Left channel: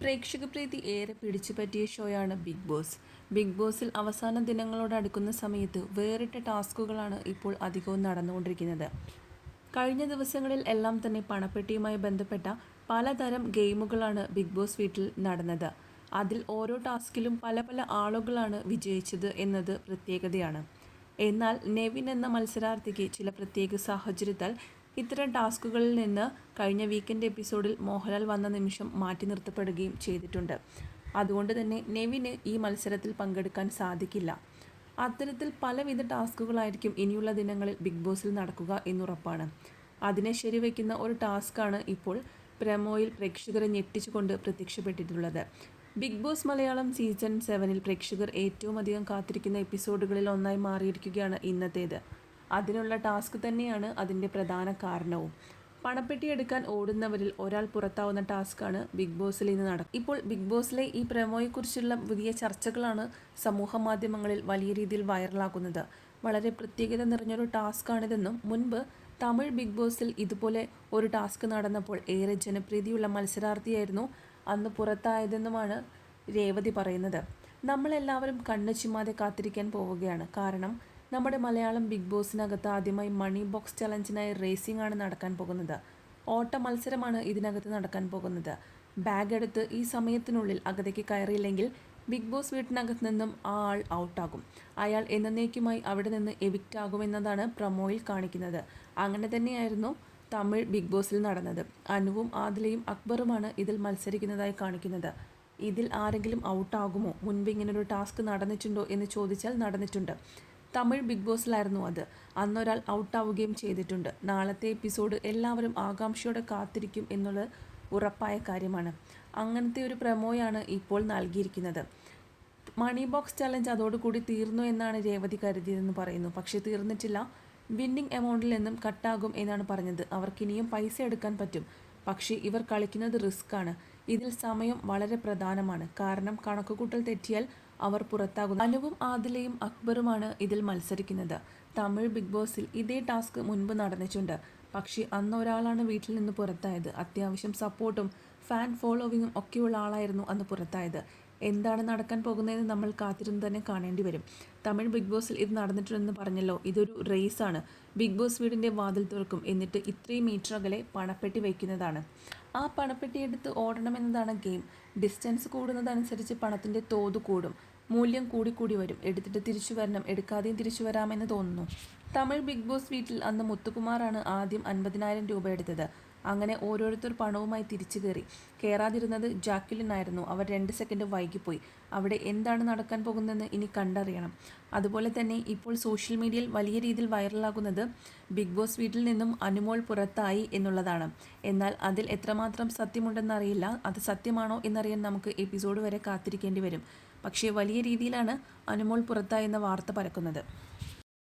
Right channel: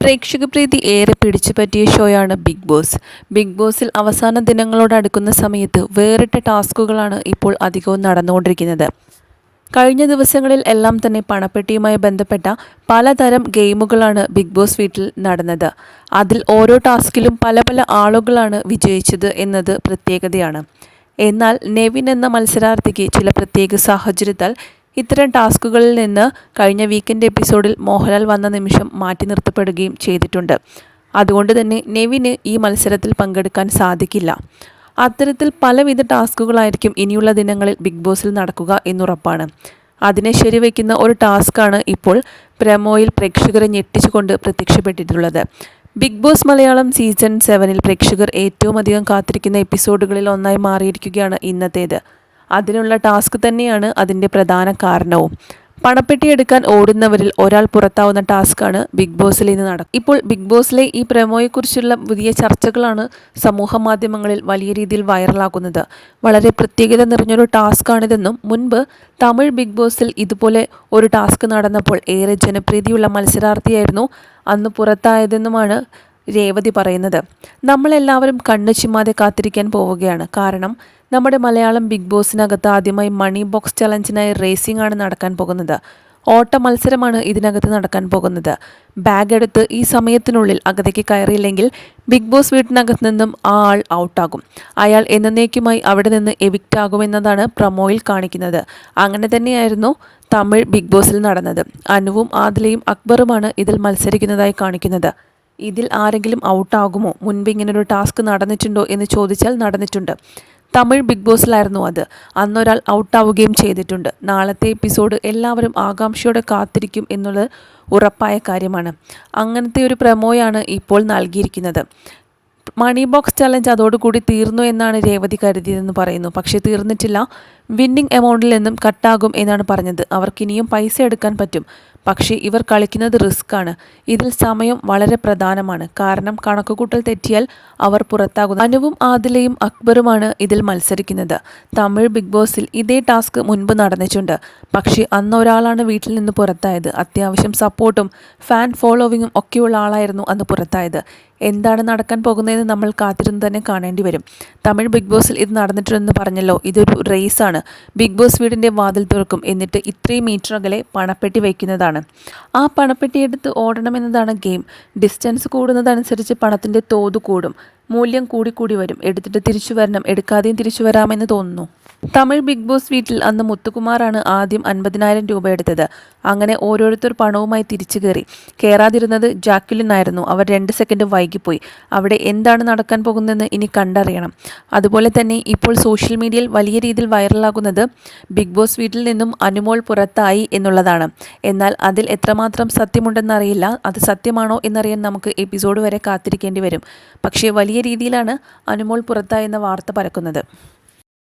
പ്രേക്ഷക പ്രീതി ഏറെ പിടിച്ചുപറ്റിയ ഷോയാണ് ബിഗ് ബോസ്. ബിഗ് ബോസിൽ അവസാന ദിനങ്ങളോട് അടുക്കുന്ന സമയത്ത് വേറിട്ട ടാസ്കുകളാണ് ഇപ്പോൾ അധികവും നടന്നുകൊണ്ടിരിക്കുന്നത്. കഴിഞ്ഞ ദിവസങ്ങളിൽ എല്ലാം തന്നെ പണപ്പെട്ടിയുമായി ബന്ധപ്പെട്ട പലതരം ഗെയിമുകളാണ് ബിഗ് ബോസ് വീട്ടിൽ നടന്നത്. അതിൽ ഓരോ ടാസ്കിലും പല പല ആളുകളാണ് വിജയിച്ചത് എന്നത് പ്രത്യേകതയാണ്. എന്നാൽ നെവിൻ എന്ന മത്സരാർത്ഥിക്ക് ചില പ്രത്യേക സാഹചര്യത്താൽ ഇത്തരം ടാസ്കുകളിൽ നിന്ന് കഴിഞ്ഞ വീക്കെൻഡ് എപ്പിസോഡിൽ മോഹൻലാൽ വന്ന നിമിഷം മാറ്റി നിർത്തപ്പെടുകയും ചെയ്തിട്ടുണ്ട്. അതുകൊണ്ട് തന്നെ നെവിന് ഈ മത്സരത്തിൽ പങ്കെടുക്കാൻ സാധിക്കില്ല. അത്തരത്തിൽ പലവിധ ടാസ്കുകളായിരിക്കും ഇനിയുള്ള ദിനങ്ങളിൽ ബിഗ് ബോസിൽ നടക്കുക എന്നുറപ്പാണ്. അതിനെ ശരിവയ്ക്കുന്ന ഒരു ടാസ്ക്കാണ് ഇപ്പോൾ പ്രമോയിൽ പ്രേക്ഷകരെ ഞെട്ടിച്ചുകൊണ്ട് പ്രത്യക്ഷപ്പെട്ടിട്ടുള്ളത്. ബിഗ് ബോസ് മലയാളം സീസൺ സെവനിൽ പ്രേക്ഷകർ ഏറ്റവും അധികം കാത്തിരിക്കുന്ന എപ്പിസോഡുകളിൽ ഒന്നായി മാറിയിരിക്കുകയാണ് ഇന്നത്തേത്. അതിനുള്ള ടാസ്ക് തന്നെയാണ് അതിന്റെ പ്രധാന കാരണവും. പണപ്പെട്ടി എടുക്കാൻ ഓടുന്നവരിൽ ഒരാൾ പുറത്താവുന്ന ടാസ്ക്കാണ് ബിഗ് ബോസിൽ ഇന്ന് നടക്കും ഇപ്പോൾ ബിഗ് ബോസിലെ ഈ പ്രമോയെക്കുറിച്ചുള്ള പുതിയ ചർച്ചകളാണ് സമൂഹ മാധ്യമങ്ങളിൽ വലിയ രീതിയിൽ വൈറലാകുന്നത്. വളരെ പ്രത്യേകത നിറഞ്ഞൊരു ടാസ്ക്കാണിതെന്നും മുൻപ് തമിഴ് ബിഗ് ബോസിൽ ഇതുപോലെ ഒരു ടാസ്ക് നടന്നപ്പോൾ ഏറെ ജനപ്രീതിയുള്ള മത്സരാർത്ഥിയായിരുന്നു അന്ന് പുറത്തായതെന്നുമാണ് രേവതി പറയുന്നത്. നമ്മളെല്ലാവരും കണ്ണു ചിമ്മാതെ കാത്തിരിക്കാൻ പോവുകയാണ്. കാരണം നമ്മുടെ മലയാളം ബിഗ് ബോസിനകത്ത് ആദ്യമായി മണി ബോക്സ് ചലഞ്ചിനായി റേസിംഗ് ആണ് നടക്കാൻ പോകുന്നത്. ഓട്ട മത്സരമാണ് ഇതിനകത്ത് നടക്കാൻ പോകുന്നത്. ബാഗ് എടുത്ത് ഈ സമയത്തിനുള്ളിൽ അകത്തേക്ക് കയറിയില്ലെങ്കിൽ ബിഗ് ബോസ് വീട്ടിനകത്ത് നിന്നും ആ ആൾ ഔട്ടാകും. അയാൾ എന്നേക്കുമായി അവിടെ നിന്ന് എവിക്റ്റ് ആകുമെന്നതാണ് പ്രമോയിൽ കാണിക്കുന്നത്. അങ്ങനെ തന്നെയായിരുന്നു തമിഴ് ബിഗ് ബോസിൽ നടന്നത്. അനുവും ആദിലയും അക്ബറുമാണ് ഇതിൽ മത്സരിക്കുന്നതായി കാണിക്കുന്നത്. ഇതിൽ ആരെങ്കിലും ഔട്ടാകുമോ? മുൻപ് ഇങ്ങനൊരു ടാസ്ക് നടന്നിട്ടുണ്ടോ എന്ന് ചോദിച്ചാൽ നടന്നിട്ടുണ്ട്. തമിഴ് ബിഗ് ബോസിലായിരുന്നു അത്. അന്നൊരാൾ ഔട്ടാവുകയും ചെയ്തിട്ടുണ്ട്. നാളത്തെ എപ്പിസോഡ് എല്ലാവരും ആകാംക്ഷയോടെ കാത്തിരിക്കും എന്നുള്ളത് ഉറപ്പായ കാര്യമാണ്. അങ്ങനത്തെ ഒരു പ്രമോയാണ് ഇപ്പോൾ നൽകിയിരിക്കുന്നത്. മണി ബോക്സ് ചലഞ്ച് അതോടുകൂടി തീർന്നു എന്നാണ് രേവതി കരുതിയതെന്ന് പറയുന്നു. പക്ഷേ തീർന്നിട്ടില്ല. വിന്നിംഗ് എമൗണ്ടിൽ നിന്നും കട്ടാകും എന്നാണ് പറഞ്ഞത്. അവർക്കിനിയും പൈസ എടുക്കാൻ പറ്റും. പക്ഷേ ഇവർ കളിക്കുന്നത് ആണ്. ഇതിൽ സമയം വളരെ പ്രധാനമാണ്. കാരണം കണക്കുകൂട്ടൽ തെറ്റിയാൽ അവർ പുറത്താകുന്നു. അനുവും ആദിലയും അക്ബറുമാണ് ഇതിൽ മത്സരിക്കുന്നത്. തമിഴ് ബിഗ് ബോസിൽ ഇതേ ടാസ്ക് മുൻപ് നടന്നിട്ടുണ്ട്. പക്ഷേ അന്ന് ഒരാളാണ് വീട്ടിൽ നിന്ന് പുറത്തായത്. അത്യാവശ്യം സപ്പോർട്ടും ഫാൻ ഫോളോവിങ്ങും ഒക്കെയുള്ള ആളായിരുന്നു അന്ന് പുറത്തായത്. എന്താണ് നടക്കാൻ പോകുന്നതെന്ന് നമ്മൾ കാത്തിരുന്ന് തന്നെ കാണേണ്ടി വരും. തമിഴ് ബിഗ് ബോസിൽ ഇത് നടന്നിട്ടുണ്ടെന്ന് പറഞ്ഞല്ലോ ഇതൊരു റേസാണ് ബിഗ് ബോസ് വീടിന്റെ വാതിൽ തുറക്കും എന്നിട്ട് ഇത്രയും മീറ്റർ അകലെ പണപ്പെട്ടി വയ്ക്കുന്നതാണ്. ആ പണപ്പെട്ടി എടുത്ത് ഓടണമെന്നതാണ് ഗെയിം ഡിസ്റ്റൻസ് കൂടുന്നതനുസരിച്ച് പണത്തിന്റെ തോത് കൂടും. മൂല്യം കൂടിക്കൂടി വരും. എടുത്തിട്ട് തിരിച്ചു വരണം. എടുക്കാതെയും തിരിച്ചു വരാമെന്ന് തോന്നുന്നു. തമിഴ് ബിഗ് ബോസ് വീട്ടിൽ അന്ന് മുത്തുകുമാറാണ് ആദ്യം അൻപതിനായിരം രൂപ എടുത്തത്. അങ്ങനെ ഓരോരുത്തർ പണവുമായി തിരിച്ചു കയറി. കയറാതിരുന്നത് ജാക്കുലിനായിരുന്നു അവർ രണ്ട് സെക്കൻഡ് വൈകിപ്പോയി. അവിടെ എന്താണ് നടക്കാൻ പോകുന്നതെന്ന് ഇനി കണ്ടറിയണം. അതുപോലെ തന്നെ ഇപ്പോൾ സോഷ്യൽ മീഡിയയിൽ വലിയ രീതിയിൽ വൈറലാകുന്നത് ബിഗ് ബോസ് വീട്ടിൽ നിന്നും അനുമോൾ പുറത്തായി എന്നുള്ളതാണ്. എന്നാൽ അതിൽ എത്രമാത്രം സത്യമുണ്ടെന്നറിയില്ല. അത് സത്യമാണോ എന്നറിയാൻ നമുക്ക് എപ്പിസോഡ് വരെ കാത്തിരിക്കേണ്ടി വരും. പക്ഷേ വലിയ രീതിയിലാണ് അനുമോൾ പുറത്തായെന്ന വാർത്ത പരക്കുന്നത്.